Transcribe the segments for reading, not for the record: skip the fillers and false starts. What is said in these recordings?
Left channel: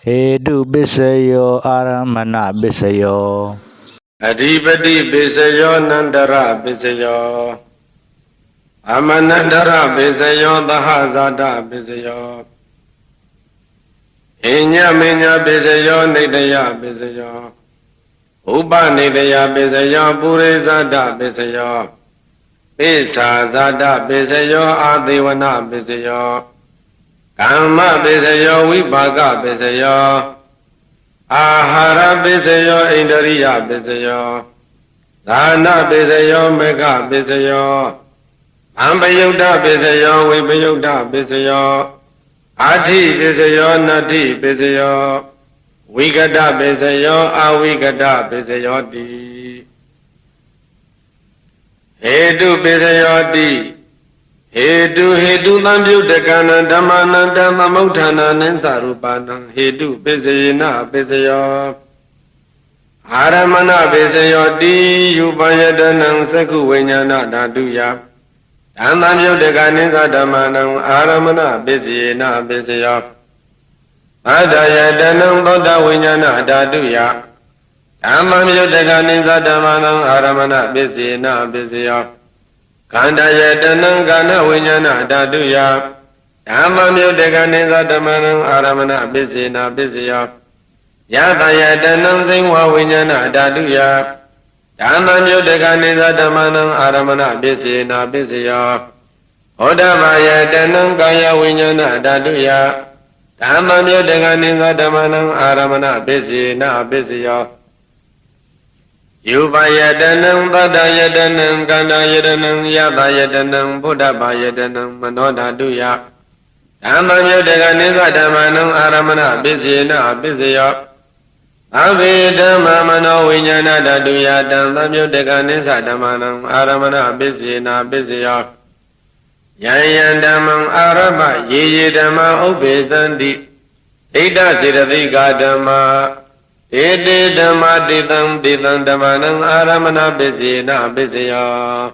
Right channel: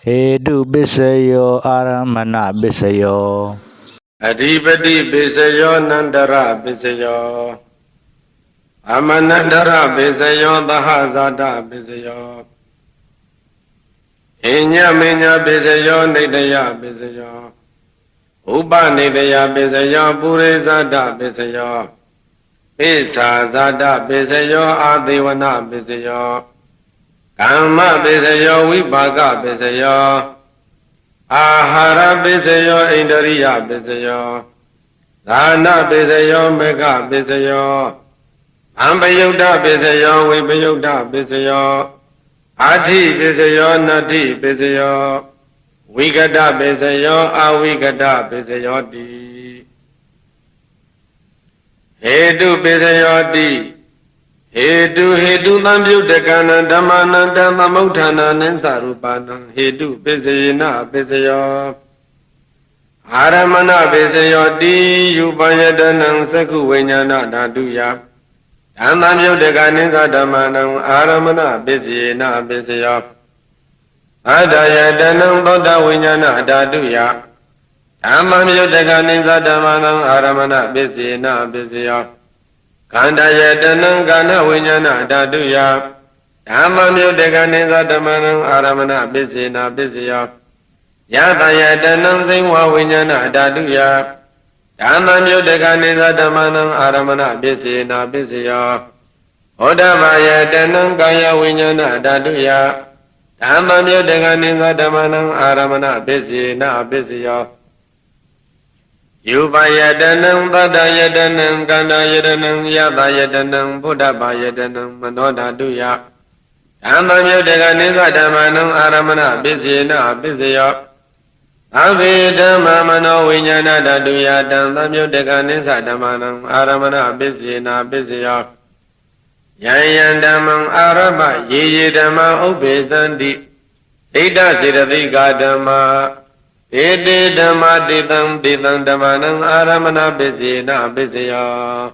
Hedu Bisayo Aramana Bisayo Adipati Bisayo Nandara Bisayo Amanandara Bisayo Dahazada Bisayo Inya Minya Bisayo Nidaya Bisayo Upa Nidaya Bisayo Purizada Bisayo Isa Zada Bisayo Adivana Bisayo Kama Bisayo Vibhaga Bisayo Ahara Bisayo Indriya Bisayo Dana Bisayo Mega Bisayo Ambayuddha Bisayo Vipayuddha Bisayo Ati Bisayo Nati Bisayo Vigata Bisayo Avigata Bisayo Di Hedu Bisayo Di Hedu Namyudakana Dhammananda Mamutana Ninsarupana Hedu Bisayena Bisayo Aramana Bisayo Di Yupayadanam Saku Vinyana Daduya Dhammayudakaninsa Dhammanam Aramana Bisayena Bisayo Adayadanam Bodha Vinyana Daduya Dhammayudakaninsa Dhammanam Aramana Bisayena Bisayo Kanda Yadanam Gana Vinyana Daduya Dhammayudakaninsa Dhammanam Aramana Bisayena Bisayo Yata Yadanam Singwa Vinyana Daduya Dhammayudakaninsa Dhammanam Aramana Bisayena Bisayo Odama Yadanam Kaya Vinyana Daduya Dhammayudakaninsa Dhammanam Aramana Bisayena Bisayo Yupayadanam Badayadanam Ganayadanam Yabayadanam Buddhabayadanam Manodaduya Dhammayudakaninsa Dhammanam Aramana Bisayena Bisayo Abhidhamma Mano Vinyana Daduya Dhammayudakaninsa Dhammanam Aramana Bisayena Bisayo Yayandamam Araba Yeyidhamma Ubhizandi Ida Siddhika Dhamma Ede Dhamma Ditam Dhammanam Aramana Bisayena Bisayo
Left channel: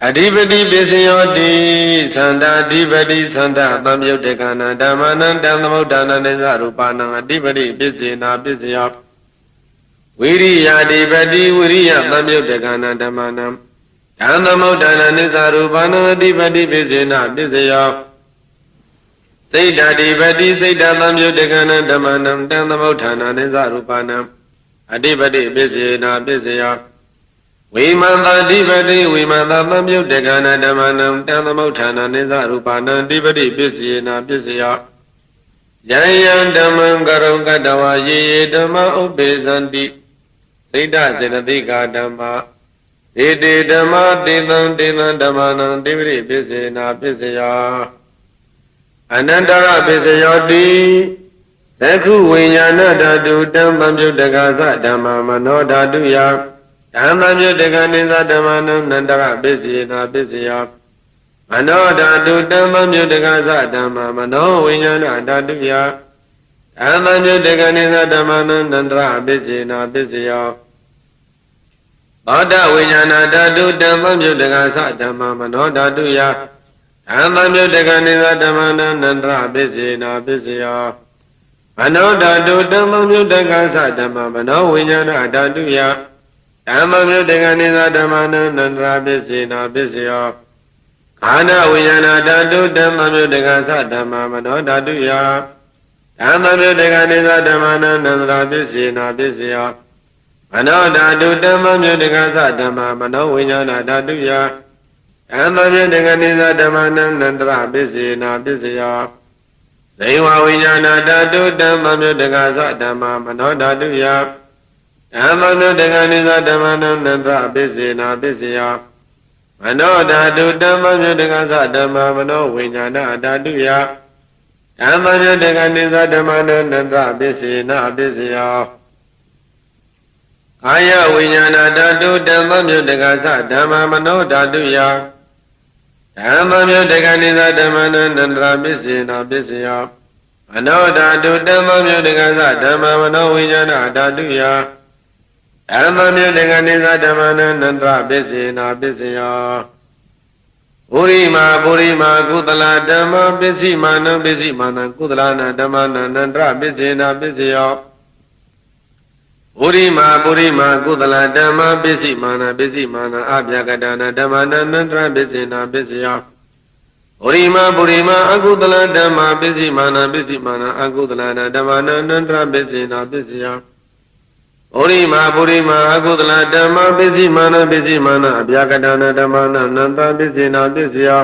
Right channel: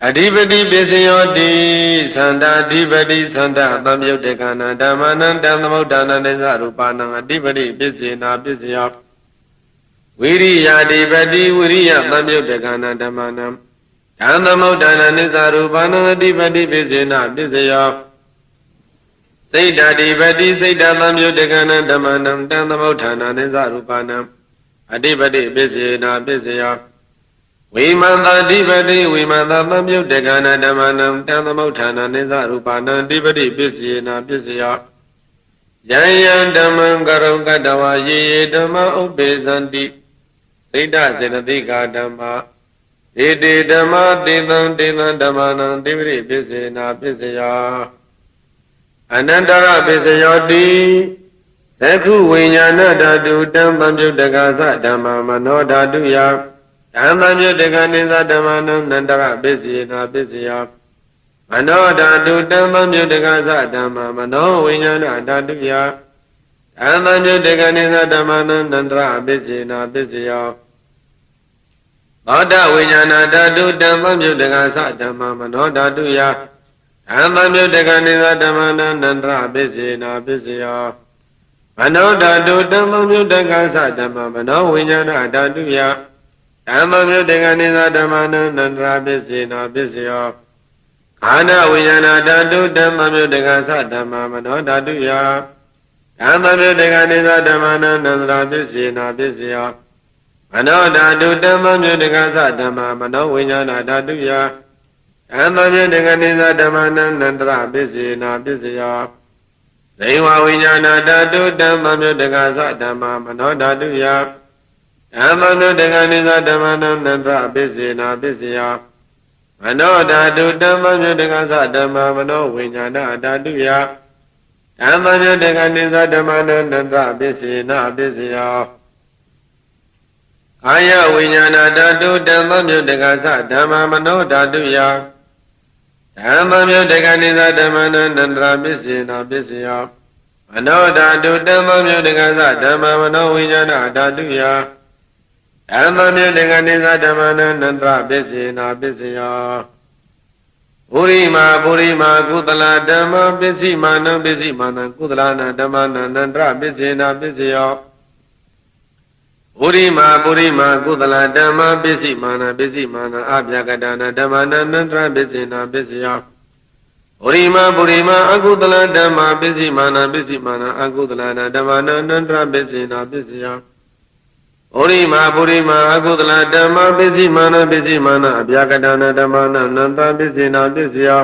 Adipati Bisayo Di Santa Adipati Santa Dhammayudakana Dhammanam Dhammamuddhana Nisarupanam Adipati Bisayena Bisayo Viriya Adipati Viriya Dhammayudakana Dhammanam Dhammamuddhana Nisarupanam Adipati Bisayena Bisayo Siddha Adipati Siddha Dhammayudakana Dhammanam Dhammamuddhana Nisarupanam Adipati Bisayena Bisayo Vimanta Adipati Vimanta Dhammayudakana Dhammanam Dhammamuddhana Nisarupanam Adipati Bisayena Bisayo Yayan Dhammam Karau Kadawa Yeye Dhamma Ubhizanti Siddha Siddhika Dhamma Ede Dhamma Devam Dhammanam Adipati Bisayena Bisayo Anandara Bisayo Di Saku Vinyana Dadu Dhammayudakasa Dhamma Mano Daduya Dhammayudakaninsa Dhammanam Nandara Bisayena Bisayo Mano Dadu Dhammayudakasa Dhamma Mano Vinyana Daduya Dhammayudakaninsa Dhammanam Nandara Bisayena Bisayo Bodha Vinyana Dadu Dhammayudakasa Dhamma Mano Daduya Dhammayudakaninsa Dhammanam Nandara Bisayena Bisayo Mano Dadu Dhammayudakasa Dhamma Mano Vinyana Daduya Dhammayudakaninsa Dhammanam Nandara Bisayena Bisayo Kana Vinyana Dadu Dhammayudakasa Dhamma Mano Daduya Dhammayudakaninsa Dhammanam Nandara Bisayena Bisayo Mano Dadu Dhammayudakasa Dhamma Mano Vinyana Daduya Dhammayudakaninsa Dhammanam Nandara Bisayena Bisayo Saiva Vinyana Dadu Dhammayudakasa Dhamma Mano Daduya Dhammayudakaninsa Dhammanam Nandara Bisayena Bisayo Mano Dadu Dhammayudakasa Dhamma Mano Vinyana Daduya Dhammayudakaninsa Dhammanam Nandara Bisayena Bisayo Kaya Vinyana Dadu Dhammayudakasa Dhamma Mano Daduya Dhammayudakaninsa Dhammanam Nandara Bisayena Bisayo Mano Dadu Dhammayudakasa Dhamma Mano Vinyana Daduya Dhammayudakaninsa Dhammanam Nandara Bisayena Bisayo ပုရိမာပုရိမာကုသလဓမ္မပစ္စည်းမာနံပစ္စည်းမာနံကုသလနာဓမ္မနန္တရပစ္စေနာပစ္စယောပုရိမာပုရိမာကုသလဓမ္မပစ္စည်းမာနပစ္စည်းမာနအပြကတနာဓမ္မနန္တရပစ္စေနာပစ္စယောပုရိမာပုရိမာအကုသလဓမ္မပစ္စည်းမာနပစ္စည်းမာနအကုသလနာဓမ္မနန္တရပစ္စေနာပစ္စယောပုရိမာပုရိမာအကုသလဓမ္မပစ္စည်းမာနပစ္စည်းမာနအပြကတနာဓမ္မနန္တရပစ္စေနာပစ္စယော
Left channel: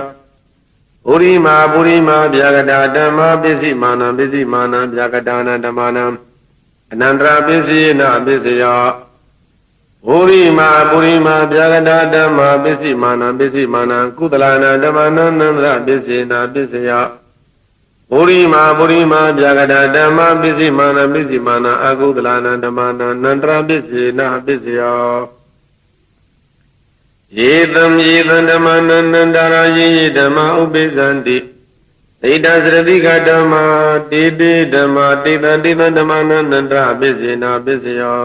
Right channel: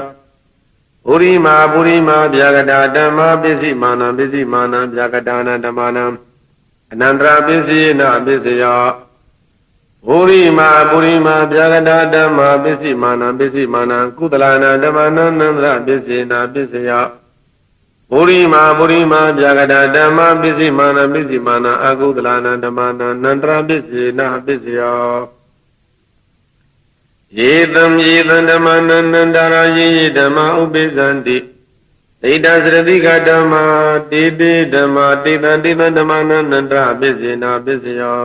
ပုရိမာပုရိမာဗျာကတာဓမ္မပစ္စည်းမာနပစ္စည်းမာနဗျာကတာနာဓမ္မနံအနန္တရာပစ္စည်းနာပစ္စယပုရိမာပုရိမာဗျာကတာဓမ္မပစ္စည်းမာနပစ္စည်းမာနကုသလနာဓမ္မနံနန္တရာပစ္စည်းနာပစ္စယပုရိမာပုရိမာဗျာကတာဓမ္မပစ္စည်းမာနပစ္စည်းမာနအကုသလနာဓမ္မနံနန္တရာပစ္စည်းနာပစ္စယယေတံယေတံဓမ္မနန္တရာယေဓမ္မဥပိသန္တိဣဒသရတိကဓမ္မာတေတေဓမ္မာတေတံတေတံဓမ္မနန္တရာပစ္စေနာပစ္စယော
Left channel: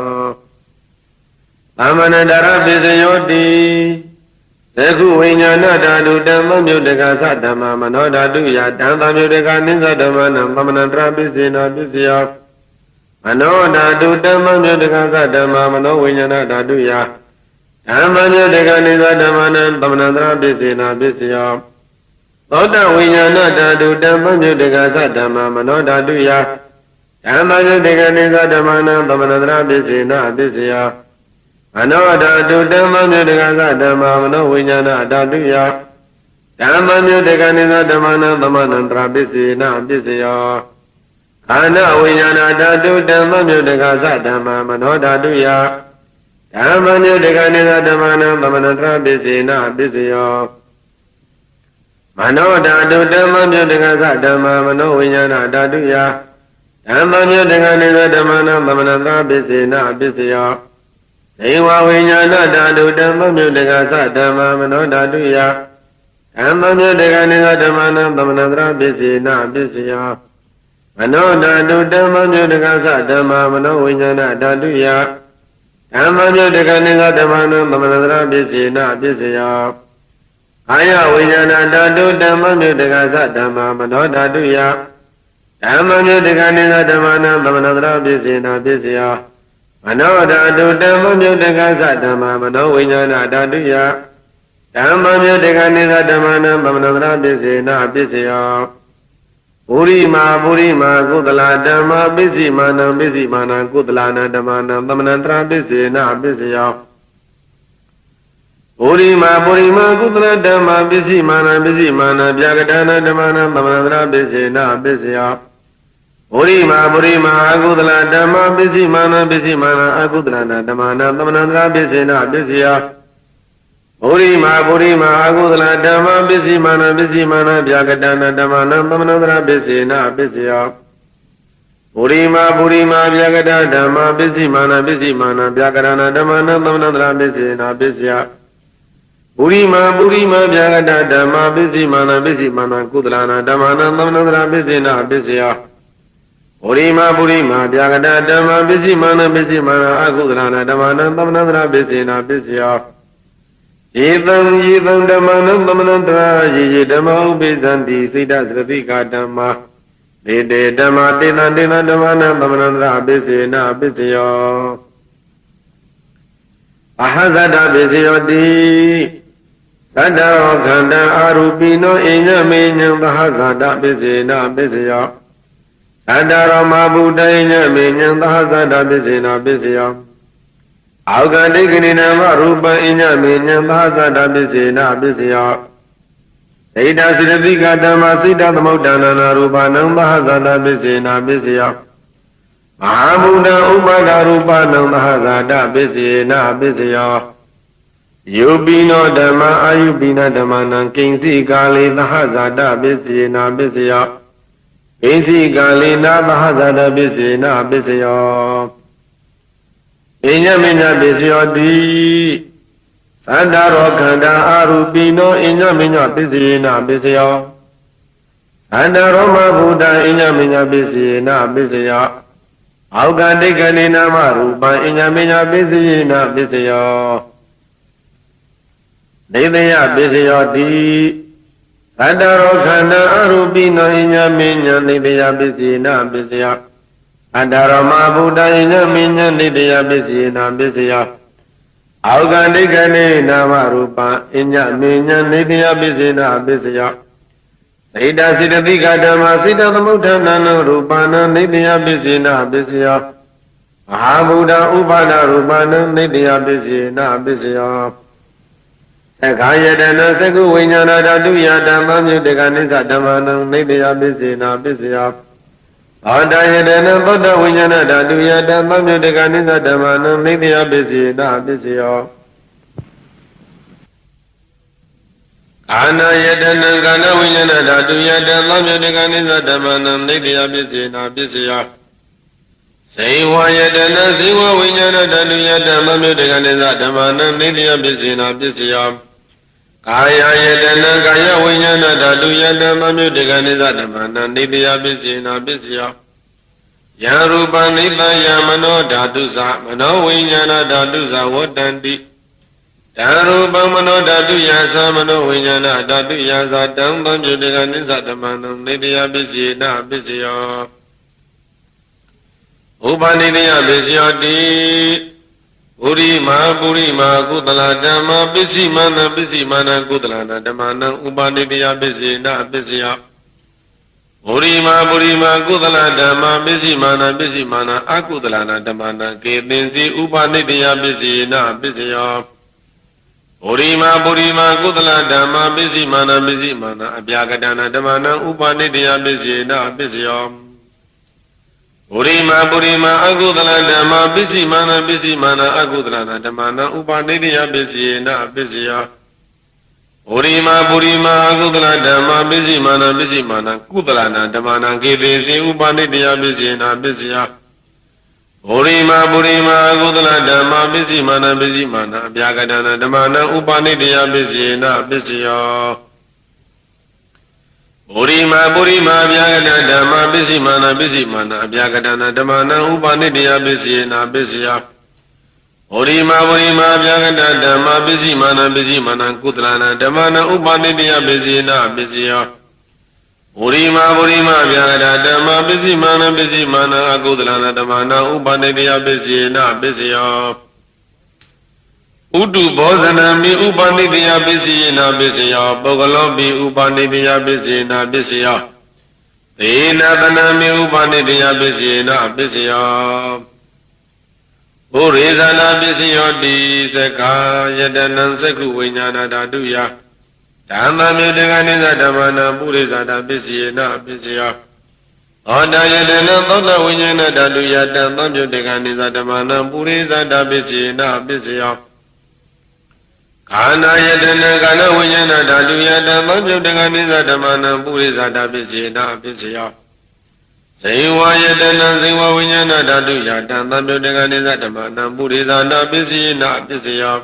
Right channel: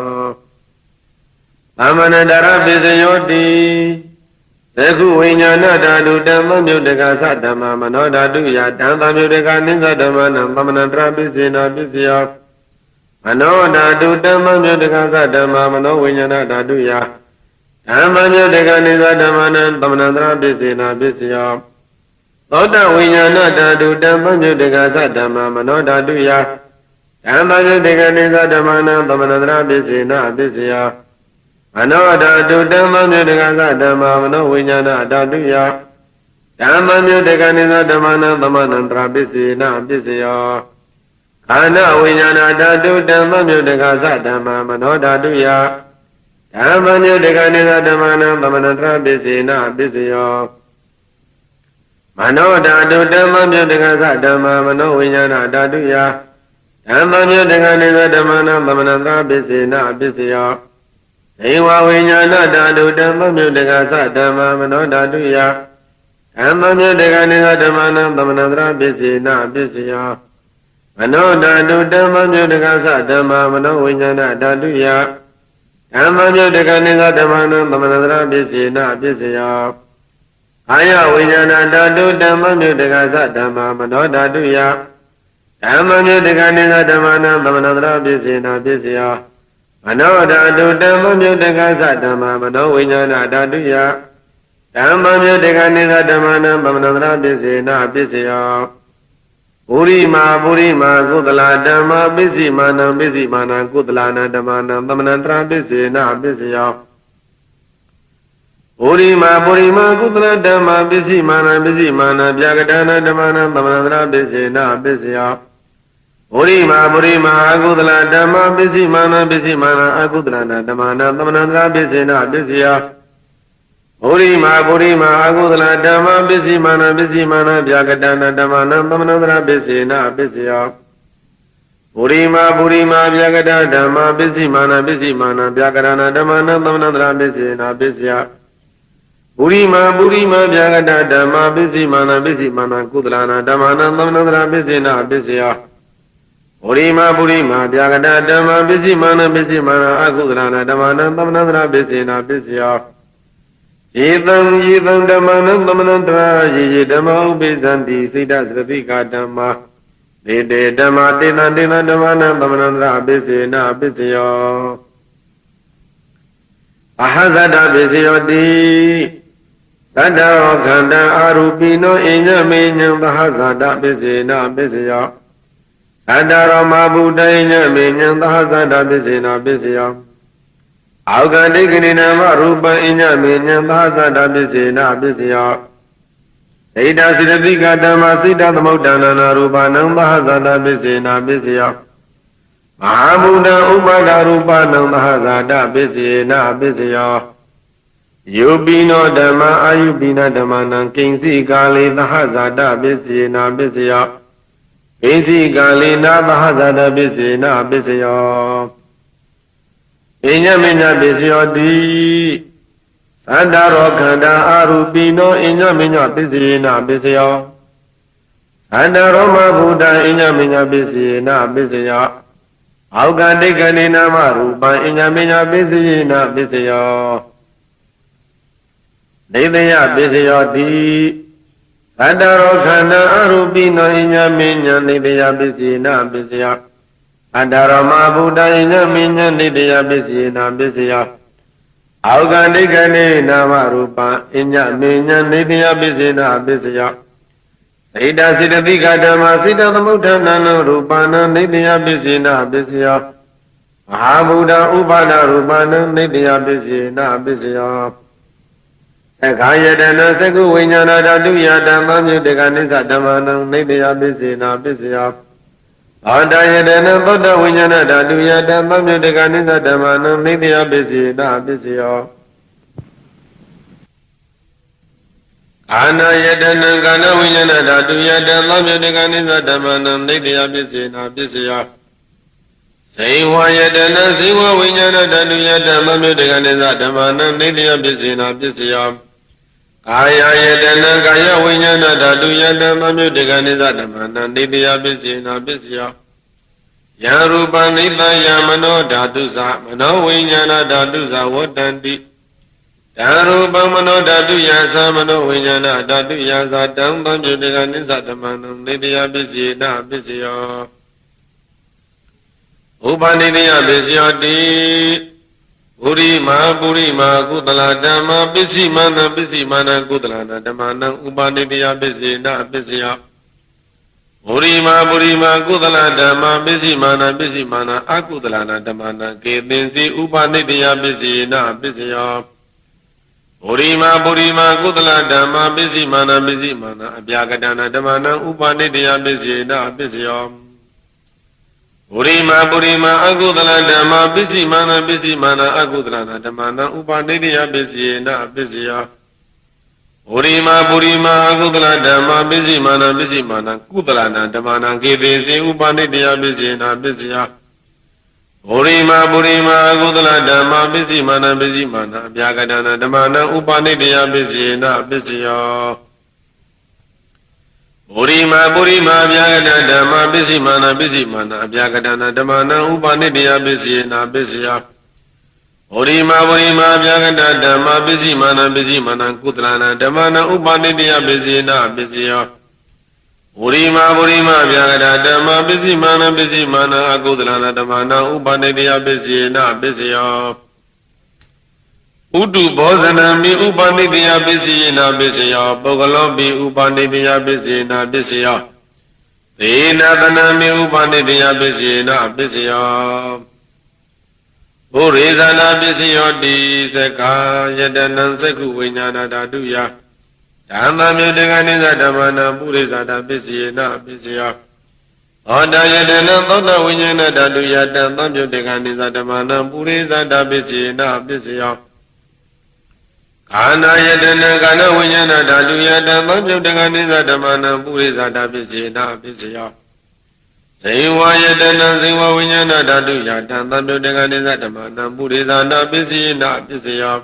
သမန္တရာပစ္စယောတိသကုဝိညာဏဓာတုဓမ္မမြုတကသဓမ္မမနောဓာတုယတံသမြုတကနိသဓမ္မနံသမန္တရာပစ္စေနာပစ္စယောမနောဓာတုဓမ္မမြုတကသဓမ္မမနောဝိညာဏဓာတုယဓမ္မမြုတကနိသဓမ္မနံသမန္တရာပစ္စေနာပစ္စယောသောတဝိညာဏဓာတုဓမ္မမြုတကသဓမ္မမနောဓာတုယဓမ္မမြုတကနိသဓမ္မနံသမန္တရာပစ္စေနာပစ္စယောမနောဓာတုဓမ္မမြုတကသဓမ္မမနောဝိညာဏဓာတုယဓမ္မမြုတကနိသဓမ္မနံသမန္တရာပစ္စေနာပစ္စယောခန္ဓာဝိညာဏဓာတုဓမ္မမြုတကသဓမ္မမနောဓာတုယဓမ္မမြုတကနိသဓမ္မနံသမန္တရာပစ္စေနာပစ္စယောမနောဓာတုဓမ္မမြုတကသဓမ္မမနောဝိညာဏဓာတုယဓမ္မမြုတကနိသဓမ္မနံသမန္တရာပစ္စေနာပစ္စယောဇေဝဝိညာဏဓာတုဓမ္မမြုတကသဓမ္မမနောဓာတုယဓမ္မမြုတကနိသဓမ္မနံသမန္တရာပစ္စေနာပစ္စယောမနောဓာတုဓမ္မမြုတကသဓမ္မမနောဝိညာဏဓာတုယဓမ္မမြုတကနိသဓမ္မနံသမန္တရာပစ္စေနာပစ္စယောအာယဝိညာဏဓာတုဓမ္မမြုတကသဓမ္မမနောဓာတုယဓမ္မမြုတကနိသဓမ္မနံသမန္တရာပစ္စေနာပစ္စယောမနောဓာတုဓမ္မမြုတကသဓမ္မမနောဝိညာဏဓာတုယဓမ္မမြုတကနိသဓမ္မနံသမန္တရာပစ္စေနာပစ္စယောပုရိမာပုရိမာကုသလဓမ္မပစ္စည်းမာနံပစ္စည်းမာနံကုသလနာဓမ္မနံသမန္တရာပစ္စေနာပစ္စယောပုရိမာပုရိမာကုသလဓမ္မပစ္စည်းမာနံပစ္စည်းမာနံဗျာကတနာဓမ္မနံသမန္တရာပစ္စေနာပစ္စယောပုရိမာပုရိမာအကုသလဓမ္မပစ္စည်းမာနံပစ္စည်းမာနံအကုသလနာဓမ္မနံသမန္တရာပစ္စေနာပစ္စယောပုရိမာပုရိမာအကုသလဓမ္မပစ္စည်းမာနံပစ္စည်းမာနံဗျာကတနာဓမ္မနံသမန္တရာပစ္စေနာပစ္စယောပုရိမာပုရိမာဗျာကတဓမ္မပစ္စည်းမာနံပစ္စည်းမာနံဗျာကတနာဓမ္မနံသမန္တရာပစ္စေနာပစ္စယောပုရိမာပုရိမာဗျာကတဓမ္မပစ္စည်းမာနံပစ္စည်းမာနံကုသလနာဓမ္မနံသမန္တရာပစ္စေနာပစ္စယောပုရိမာပုရိမာဗျာကတဓမ္မပစ္စည်းမာနံပစ္စည်းမာနံအကုသလနာဓမ္မနံသမန္တရာပစ္စေနာပစ္စယောယေတံယေတံဓမ္မနံသမန္တရာယေယေဓမ္မဥပိသန္တိစိတ္တသရတိကဓမ္မာဒေတေဓမ္မာတေတံတေတံဓမ္မနံသမန္တရာပစ္စေနာပစ္စယောအဟဇတပစ္စယောတိသတ္တရောခန္ဓာအာရူပိနောအညမေညံသဟဇာတပစ္စေနာပစ္စယောသတ္တရောမဗုဒ္ဓယညမေညံသဟဇာတပစ္စေနာပစ္စယောအောကတိကနိနာမရူပံအညမေညံသဟဇာတပစ္စေနာပစ္စယောဣဒသရတိကဓမ္မစိတ္တသမုဒ္ဒနာနာရူပနံသဟဇာတပစ္စေနာပစ္စယောမဟာဗုဒ္ဓဥပါဒရူပနံသဟဇာတပစ္စေနာပစ္စယောယုပိနောဓမ္မအာယုပိနဓမ္မနံကိဉ္စီကာလေသဟဇာတပစ္စေနာပစ္စယောကိဉ္စီကာလေနာသဟဇာတပစ္စေနာပစ္စယောအညမေညပစ္စယောတိသတ္တရောခန္ဓာအာရူပိနောအညမေညပစ္စယေနာပစ္စယောသတ္တရောမဗုဒ္ဓအညမေညပစ္စယေနာပစ္စယောအောကတိကနိနာမရူပံအညမေညပစ္စယေနာပစ္စယောဒေသယပစ္စယောတိ သတ္တရောခန္ဓာအရူပိနောဣညာမင်းညာနေတရားပစ္စည်းနာပစ္စယအတ္တရမဗုဒ္ဓဣညာမင်းညာနေတရားပစ္စည်းနာပစ္စယအောက်ကဒိဋ္ဌိနေနာမရူပံဣညာမင်းညာနေတရားပစ္စည်းနာပစ္စယစေတစေတသိကဓမ္မစေတသမုဋ္ဌာနံရူပနာနေတရားပစ္စည်းနာပစ္စယမဟာဗုဒ္ဓဥပါဒရူပနာနေတရားပစ္စည်းနာပစ္စယသက္ခာယတနာသက္ကုဝိညာဏဓာတုယတံသံယုတကနိစ္စဓမ္မနံနေတရားပစ္စည်းနာပစ္စယသောတယတနာသောတဝိညာဏဓာတုယတံသံယုတကနိစ္စဓမ္မနံနေတရားပစ္စည်းနာပစ္စယအာနာယတနာကာနဝိညာဏဓာတုယတံသံယုတကနိစ္စဓမ္မနံနေတရားပစ္စည်းနာပစ္စယဇိဝယတနာဇိဝဝိညာဏဓာတုယတံသံယုတကနိစ္စဓမ္မနံနေတရားပစ္စည်းနာပစ္စယကာယယတနာကာယဝိညာဏဓာတုယတံသံယုတကနိစ္စဓမ္မနံနေတရားပစ္စည်းနာပစ္စယယရူပနိတယမနောဓာတုသမနောဝိညာဏဓာတုသဝတ္တန္တိဓာရူပမနောဓာတုယသမနောဝိညာဏဓာတုယသတံသံယုတကနိစ္စဓမ္မနံနေတရားပစ္စည်းနာပစ္စယဥပနိတရားပစ္စယောတိပုရိမာကုသလဓမ္မပစ္စည်းမာနကုသလနာဓမ္မနံဥပနိတရားပစ္စည်းနာပစ္စယပုရိမာကုသလဓမ္မပစ္စည်းမာနအကုသလနာဓမ္မနံကေသင်္စီဥပနိတရားပစ္စည်းနာပစ္စယောပုရိမာကုသလဓမ္မပစ္စည်းမာနအပြာကတနာဓမ္မနံဥပနိတရားပစ္စည်းနာပစ္စယောပုရိမာအကုသလဓမ္မပစ္စည်းမာနအကုသလနာဓမ္မနံဥပနိတရားပစ္စည်းနာပစ္စယောပုရိမာအကုသလဓမ္မပစ္စည်းမာနကုသလနာဓမ္မနံကေသေစေဥပနိတရားပစ္စည်းနာပစ္စယောပုရိမာအကုသလဓမ္မပစ္စည်းမာနအပြာကတနာဓမ္မနံဥပနိတရားပစ္စည်းနာပစ္စယောပုရိမာအပြာကတဓမ္မပစ္စည်းမာနအပြာကတနာဓမ္မနံဥပနိတရားပစ္စည်းနာပစ္စယောပုရိမာအပြာကတဓမ္မပစ္စည်းမာနကုသလနာဓမ္မနံဥပနိတရားပစ္စည်းနာပစ္စယောပုရိမာအပြာကတဓမ္မပစ္စည်းမာနအကုသလနာဓမ္မနံဥပနိတရားပစ္စည်းနာပစ္စယောဥတုဘောဇနံမိဥပနိတရားပစ္စည်းနာပစ္စယောပုဂ္ဂလောပိဥပနိတရားပစ္စည်းနာပစ္စယောသေနသနံမိဥပနိတရားပစ္စည်းနာပစ္စယောဘုရေဇာနာပစ္စယောတိသက္ကာယတနံသက္ကုဝိညာဏဓာတုယဓမ္မမြုတကနိစ္စဓမ္မနံပုရိဇာတာပစ္စည်းနာပစ္စယောသောတယတနံသောတဝိညာဏဓာတုယတံသံမြုတကနိစ္စဓမ္မနံပုရိဇာတာပစ္စည်းနာပစ္စယောကာနာယတနာကာနဝိညာဏဓာတုယတံသံယုတကနိစ္စဓမ္မနံပုရိသတာပစ္စေနာပစ္စယောဇိဝယတနာဇိဝဝိညာဏဓာတုယတံသံယုတကနိစ္စဓမ္မနံပုရိသတာပစ္စေနာပစ္စယော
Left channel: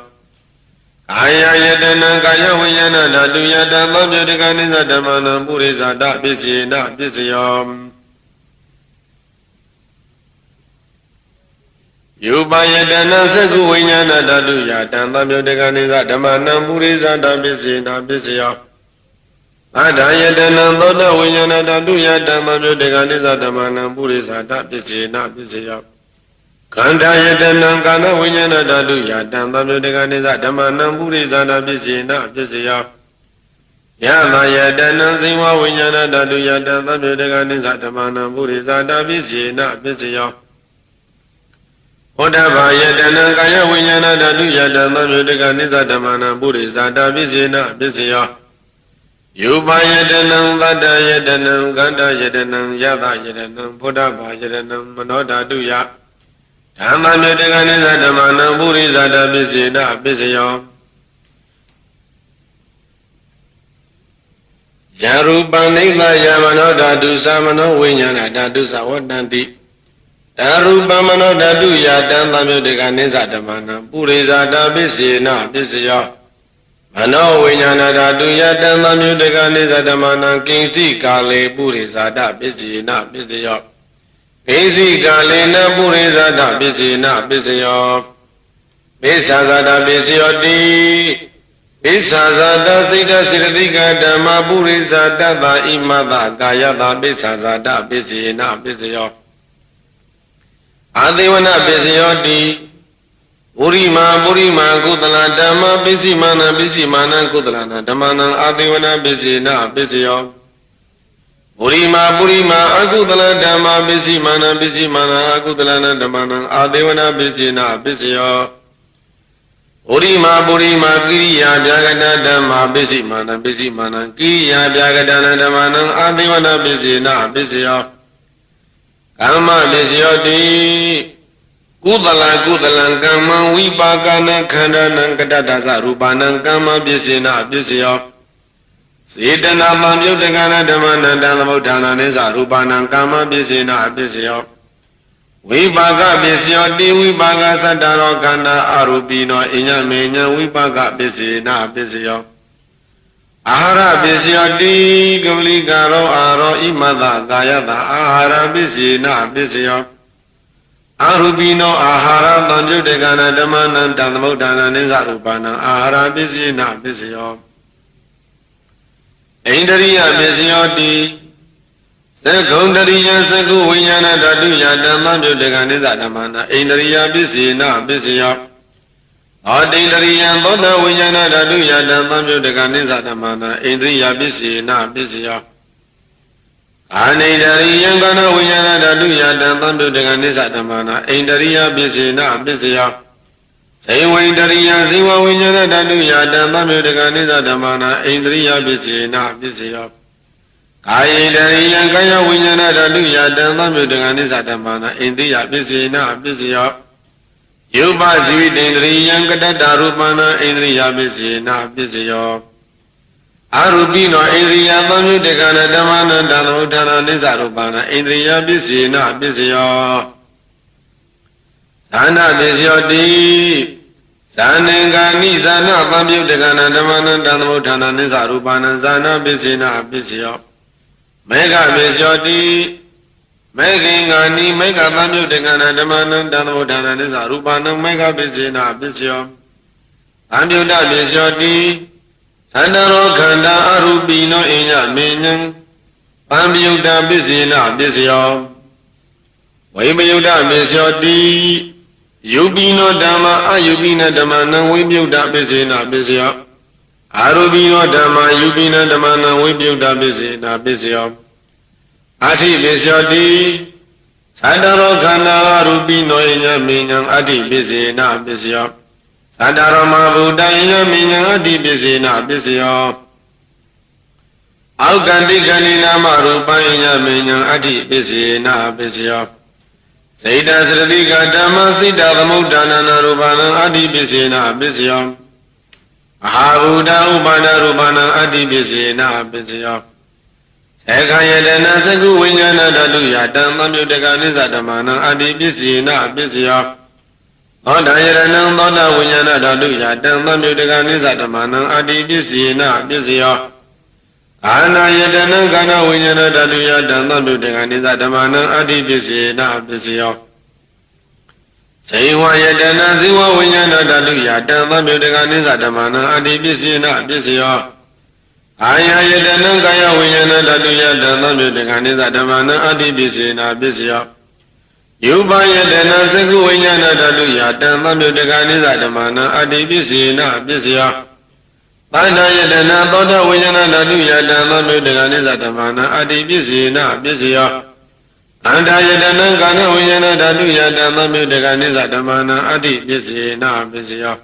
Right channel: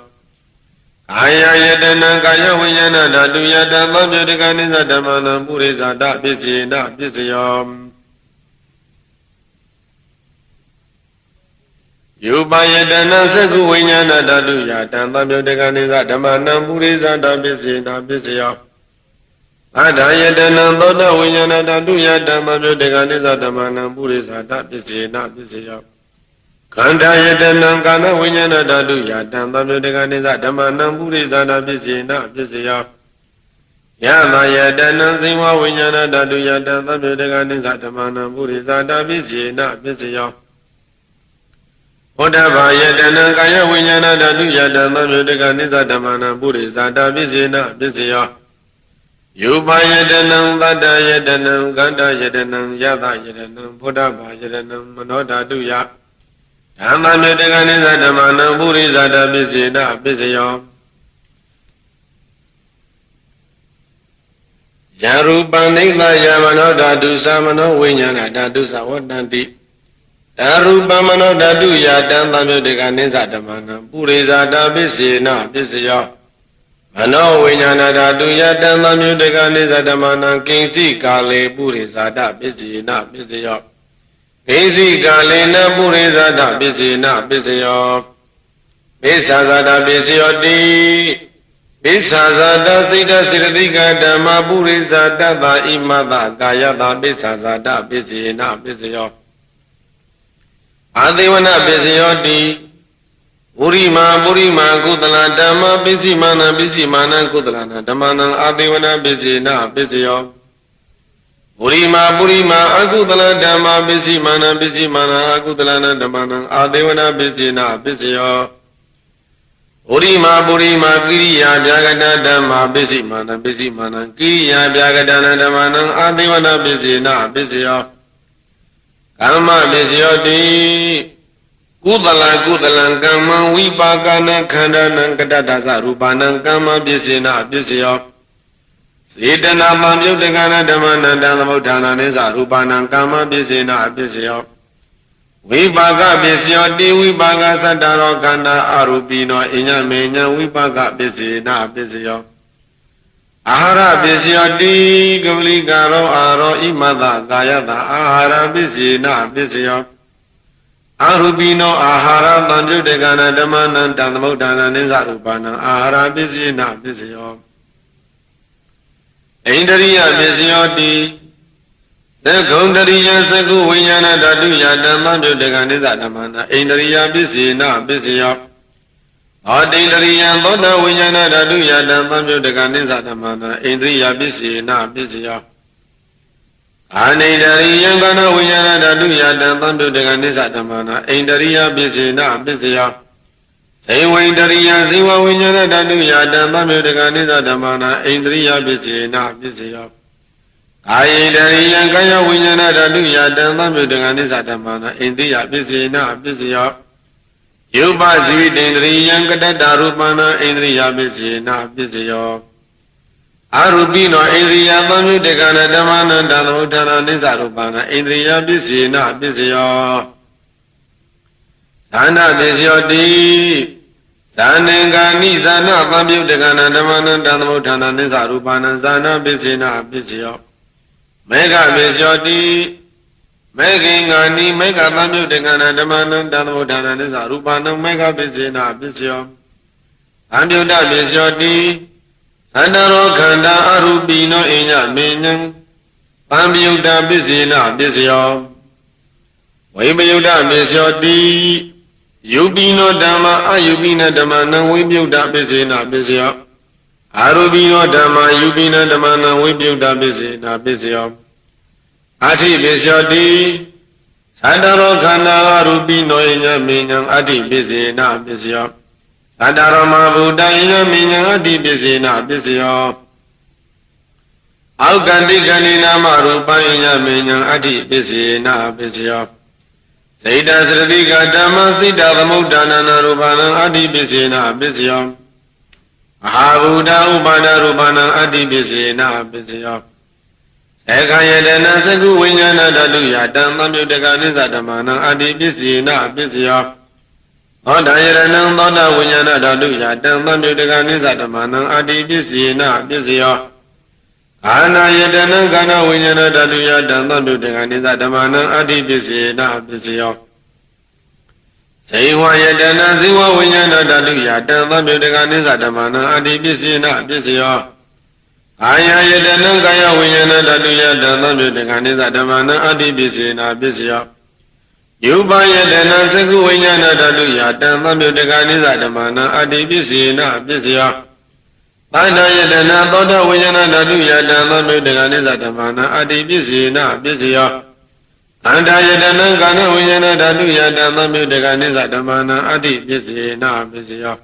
ကာယယတနာကာယဝိညာဏဓာတုယတံသံယုတကနိစ္စဓမ္မနံပုရိသတာပစ္စေနာပစ္စယောယုပယတနာသက္ကုဝိညာဏဓာတုယတံသံယုတကနိစ္စဓမ္မနံပုရိသတာပစ္စေနာပစ္စယောအတ္တယတနာသောတဝိညာဏဓာတုယတံသံယုတကနိစ္စဓမ္မနံပုရိသတာပစ္စေနာပစ္စယောခန္ဓာယတနာကာနဝိညာဏဓာတုယတံသံယုတကနိစ္စဓမ္မနံပုရိသတာပစ္စေနာပစ္စယောယမယတနာဇိဝဝိညာဏဓာတုယတံသံယုတကနိစ္စဓမ္မနံပုရိသတာပစ္စေနာပစ္စယောဘုဒ္ဓဘာယတနာကာယဝိညာဏဓာတုယတံသံယုတကနိစ္စဓမ္မနံပုရိသတာပစ္စေနာပစ္စယောယုပယတနံသတ္တယတနံကန္တယတနံယသယတနံဘုဒ္ဓဘာယတနံမနောဓာတုယဓမ္မယတကနိစ္စဓမ္မနံပုရိသတာပစ္စေနာပစ္စယောယရူပနိမယမနောဓာတုသမနောဝိညာဏဓာတုသဝတ္တန္တိဓာရူပမနောဓာတုယတံသံယုတကနိစ္စဓမ္မနံပုရိသတာပစ္စေနာပစ္စယောမနောဝိညာဏဓာတုယတံသံယုတကနိစ္စဓမ္မနံကိဉ္စိကာလေပုရိသတာပစ္စေနာပစ္စယောကိဉ္စိကာလေနပုရိသတာပစ္စေနာပစ္စယောပိစ္ဆာဇာတာပစ္စယောတိပိ ပိစ္ဆာဇာတစိတ်တစေတသိကဓမ္မပုရိသတတ္တာဣမတကာယတာပိစ္ဆာဇာတပိစ္ဆေနပိစ္ဆယောအာသေဝနပိစ္ဆယောတိပုရိမာကုသလဓမ္မပိစိမာနကုသလနာဓမ္မနံအာသေဝနပိစ္ဆေနပိစ္ဆယောပုရိမာအကုသလဓမ္မပိစိမာနအကုသလနာဓမ္မနံအာသေဝနပိစ္ဆေနပိစ္ဆယောပုရိမာကိရိယာဗျာဂတဓမ္မာပိစိမာနကိရိယာဗျာဂတနာဓမ္မနံအာသေဝနပိစ္ဆေနပိစ္ဆယောကမ္မပိစ္ဆယောတိကုသလကမ္မဝိပါကနခန္ဓာနံကတ္တသရူပနံကမ္မပိစ္ဆေနပိစ္ဆယောစေတနာပံပြုတ်တကနာဓမ္မနံတံသမုဋ္ဌာနာနိသရူပနံကမ္မပိစ္ဆေနပိစ္ဆယောဝိပါကပိစ္ဆယောတိဝိပါကသတ္တရောခန္ဓာအရူပိနောအညမေညဝိပါကပိစ္ဆေနပိစ္ဆယောအာဟာရပိစ္ဆယောတိကပလိကာရောအာရောဣမတကာယတအာဟာရပိစ္ဆေနပိစ္ဆယောအရူပိနောအာဟာရတံပြုတ်တကနာဓမ္မနံတံသမုဋ္ဌာနာနိသရူပနံအာဟာရပိစ္ဆေနပိစ္ဆယောဣန္ဒရိယပိစ္ဆယောတိသက္ကုံတရိယသက္ကုဝိညာဏဓာတုယဓမ္မပြုတ်တကနိသဓမ္မနာဣန္ဒရိယပိစ္ဆေနပိစ္ဆယောအာတိန္ဒရိယသောတဝိညာဏဓာတုယဓမ္မပြုတ်တကနိသဓမ္မနာဣန္ဒရိယပိစ္ဆေနပိစ္ဆယောအာနိန္ဒရိယကနဝိညာဏဓာတုယဓမ္မပြုတ်တကနိသဓမ္မနာဣန္ဒရိယပိစ္ဆေနပိစ္ဆယောဇေဝိန္ဒရိယဇေဝဝိညာဏဓာတုယဓမ္မပြုတ်တကနိသဓမ္မနာဣန္ဒရိယပိစ္ဆေနပိစ္ဆယောကာယေတရိယကာယဝိညာဏဓာတုယဓမ္မမြုတ္တကနိသဓမ္မနာအိန္ဒိယပိစ္ဆေနပိစ္ဆယောယုပဇိတေန္ဒရိယကတတ္တရူပနာအိန္ဒိယပိစ္ဆေနပိစ္ဆယောအရူပိနောအိန္ဒိယသံမြုတ္တကနာဓမ္မနာတံသမုဋ္ဌာနာနိသရူပနာအိန္ဒိယပိစ္ဆေနပိစ္ဆယောသာနပိစ္ဆယောတိဇာနံကာနိဇာနသံမြုတ္တကနာဓမ္မနာတံသမုဋ္ဌာနာနိသရူပနာဇာနပိစ္ဆေနပိစ္ဆယောမေဃပိစ္ဆယောတိမေခင်္ဂာနိမေဃသံမြုတ္တကနာဓမ္မနံတံသမုဋ္ဌာနာနိသရူပနံမေဃပိစ္ဆေနပိစ္ဆယောသံမြုတ္တပိစ္ဆယောတိသန္တရောခန္ဓာအရူပိနောအိညမေညံသံမြုတ္တပိစ္ဆေနပိစ္ဆယောဝိပယုတ္တပိစ္ဆယောတိယုပိနောဓမ္မအယုပိနဓမ္မနံဝိပယုတ္တပိစ္ဆေနပိစ္ဆယောအာရူပိနောဓမ္မယုပိနဓမ္မနံဝိပယုတ္တပိစ္ဆေနပိစ္ဆယောအဋ္ဌိပိစ္ဆယောတိသတ္တရောခန္ဓာအရူပိနောယညမေညံအဋ္ဌိပိစ္ဆေနပိစ္ဆယောသတ္တရောမဘုဒ္ဓယညမေညံအဋ္ဌိပိစ္ဆေနပိစ္ဆယောအောက်ကန္တိကဏိနာမရူပယညမေညံအဋ္ဌိပိစ္ဆေနပိစ္ဆယောစေတသရတိကဓမ္မစိတ္တသမုဋ္ဌာနာရူပနံအဋ္ဌိပိစ္ဆေနပိစ္ဆယောမဟာဘုဒ္ဓဥပါဒရူပနံအတ္တိပိစ္ဆေနပိစ္ဆယောသေခယတနာသကုဝိညာဏဓာတုယတံသံမြုတ္တကနိသဓမ္မနံအတ္တိပိစ္ဆေနပိစ္ဆယောသောတယရဏံသောတဝိညာဏဓာတုယတံသံမြုတ္တကနိသဓမ္မနံအတ္တိပိစ္ဆေနပိစ္ဆယောအာနာယတနံကာဏဝိညာဏဓာတုယတံသံမြုတ္တကနိသဓမ္မနံအတ္တိပိစ္ဆေနပိစ္ဆယောဇေဝယတနာဇေဝဝိညာဏဓာတုယတံသံမြုတ္တကနိသဓမ္မနံအတ္တိပိစ္ဆေနပိစ္ဆယောအာယယတနံကာယဝိညာဏဓာတုယတံသံမြုတ္တကနိသဓမ္မနံအတ္တိပိစ္ဆေနပိစ္ဆယောယုပယတနာသကုဝိညာဏဓာတုယတံသံမြုတ္တကနိသဓမ္မနံအတ္တိပိစ္ဆေနပိစ္ဆယောသန္တာယတနာသောတဝိညာဏဓာတုယတံသံမြုတ္တကနိသဓမ္မနံအတ္တိပိစ္ဆေနပိစ္ဆယောအန္တယတနံကာဏဝိညာဏဓာတုယတံသံမြုတ္တကနိသဓမ္မနံအတ္တိပိစ္ဆေနပိစ္ဆယော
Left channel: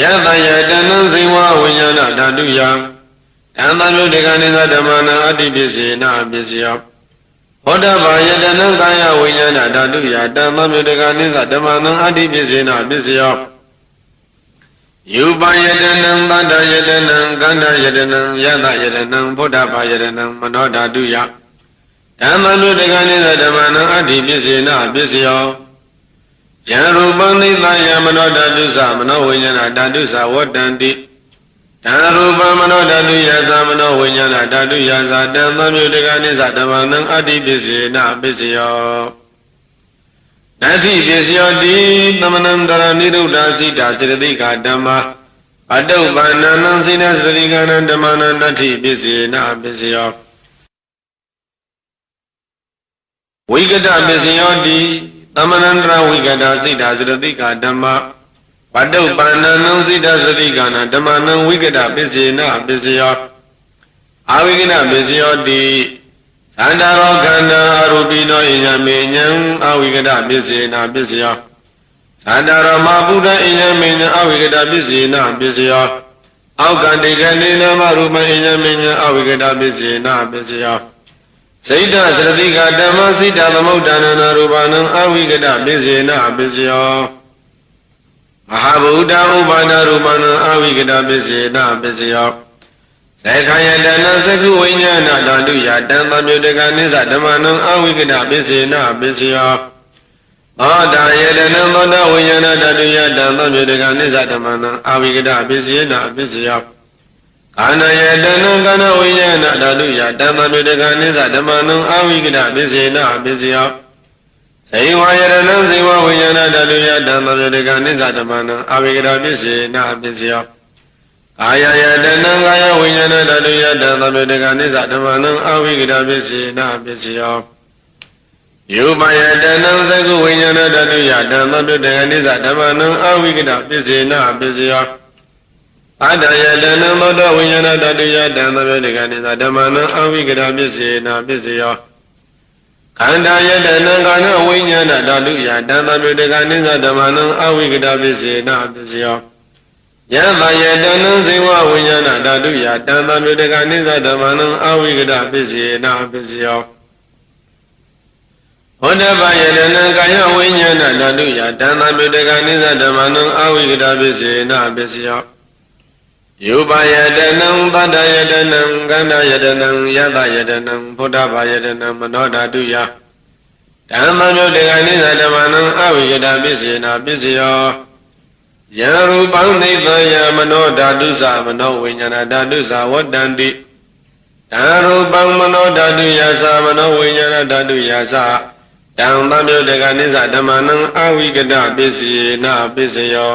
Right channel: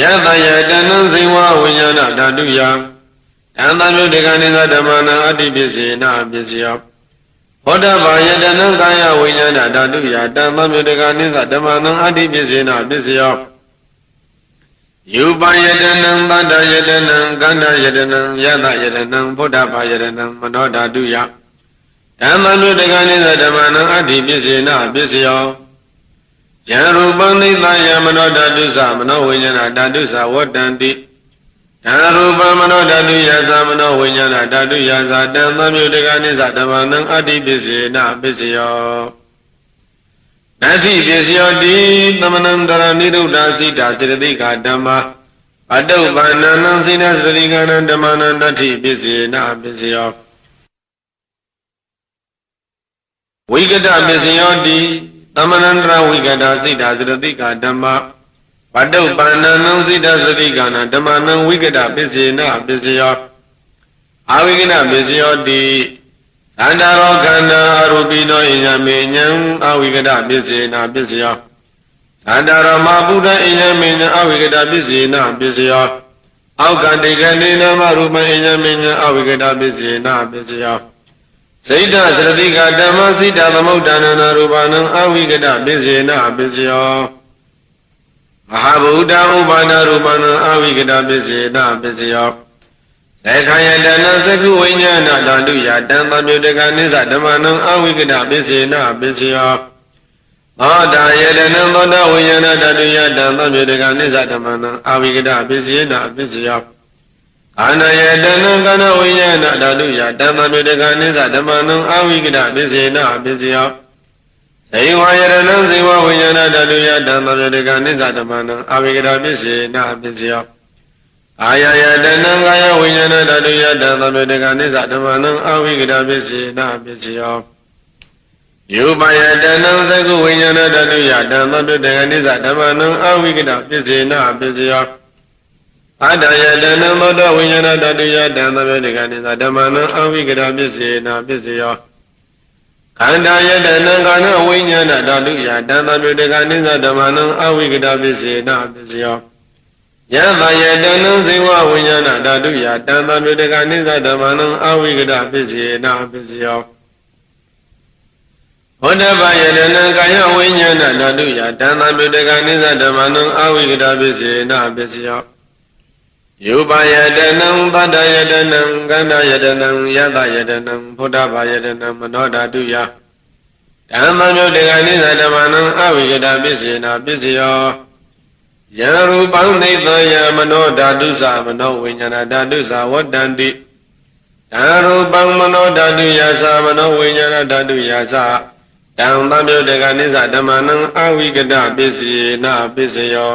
ယတယတနံဇေဝဝိညာဏဓာတုယတံသံမြုတ္တကနိသဓမ္မနံအတ္တိပိစ္ဆေနပိစ္ဆယောဘောဓဘာယတနံကာယဝိညာဏဓာတုယတံသံမြုတ္တကနိသဓမ္မနံအတ္တိပိစ္ဆေနပိစ္ဆယောယူပယတနံသတ္တယတနံကန္ဓယတနံယတယတနံဘောဓဘာယတနံမနောဓာတုယဓမ္မနုတကနိသဓမ္မနံအတ္တိပိစ္ဆေနပိစ္ဆယောယံရူပံနိသယမနောဓာတုသမနောဝိညာဏဓာတုသဝတ္တန္တိဓာရူပံမနောဓာတုယသမနောဝိညာဏဓာတုယသတံသံမြုတကနိသဓမ္မနံအတ္တိပိစ္ဆေနပိစ္ဆယောနတ္ထိပိစ္ဆယောတိသမနံတရနိရုဒ္ဓစိတာစေတသိကဓမ္မပ အတုပ္ပန္နံစိနသတိကနံဓမ္မနံတ္ထိပစ္စေနပစ္စယောဝိကတပစ္စယောတိသမဏန္တရဝိကတစိတ္တသတိကဓမ္မပတုပ္ပန္နံစိတ္တသတိကနံဓမ္မနံဝိကတပစ္စေနပစ္စယောအဝိကတပစ္စယောတိသန္တာရောခန္ဓာအရူပိနောဣညမေညံအဝိကတပစ္စေနပစ္စယောသန္တာရောမဗုဒ္ဓဣညမေညံအဝိကတပစ္စေနပစ္စယောအောက်ကတိကနိနမရူပဣညမေညံအဝိကတပစ္စေနပစ္စယောစိတ္တသတိကဓမ္မစိတ္တသမုဋ္ဌာနနာရူပနံအဝိကတပစ္စေနပစ္စယောမဟာဗုဒ္ဓဥပါဒရူပနံအဝိကတပစ္စေနပစ္စယောသေခယတနာသကုဝိညာဏဓာတုယတံသမြုတကနိစ္စဓမ္မနံအဝိကတပစ္စေနပစ္စယောသောတာယတနံသောတဝိညာဏဓာတုယတံသမြုတကနိစ္စဓမ္မနံအဝိကတပစ္စေနပစ္စယောခန္ဓာယတနံခန္ဓာဝိညာဏဓာတုယတံသမြုတကနိစ္စဓမ္မနံအဝိကတပစ္စေနပစ္စယောဇေဝယတနံဇေဝဝိညာဏဓာတုယတံသမြုတကနိစ္စဓမ္မနံအဝိကတပစ္စေနပစ္စယောကာယယတနံကာယဝိညာဏဓာတုယတံသမြုတကနိစ္စဓမ္မနံအဝိကတပစ္စေနပစ္စယောယူပယတနံသကုဝိညာဏဓာတုယတံသမြုတကနိစ္စဓမ္မနံအဝိကတပစ္စေနပစ္စယောအတ္တယတနံသောတဝိညာဏဓာတုယတံသမြုတကနိစ္စဓမ္မနံအဝိကတပစ္စေနပစ္စယောခန္ဓာယတနံကာဏဝိညာဏဓာတုယတံသမြုတကနိစ္စဓမ္မနံအဝိကတပစ္စေနပစ္စယောယသယတနံဇေဝဝိညာဏဓာတုယတံသမြုတကနိစ္စဓမ္မနံအဝိကတပစ္စေနပစ္စယောဝန္တပယတနံကာယဝိညာဏဓာတုယတံသမြုတကနိစ္စဓမ္မနံအဝိကတပစ္စေနပစ္စယောယူပယတနံသတ္တယတနံကန္တယတနံယသယတနံဖုဒ္ဓဘာယတနံမနောဓာတုယဓမ္မညုတကနိစ္စဓမ္မနံအဝိကတပစ္စေနပစ္စယောယရူပံနိသယမနောဓာတုသမနောဝိညာဏဓာတုသဝတ္တန္တိဓာရူပံမနောဓာတုယသမနောဝိညာဏဓာတုယသတံသမြုတကနိစ္စဓမ္မနံအဝိကတပစ္စေနပစ္စယော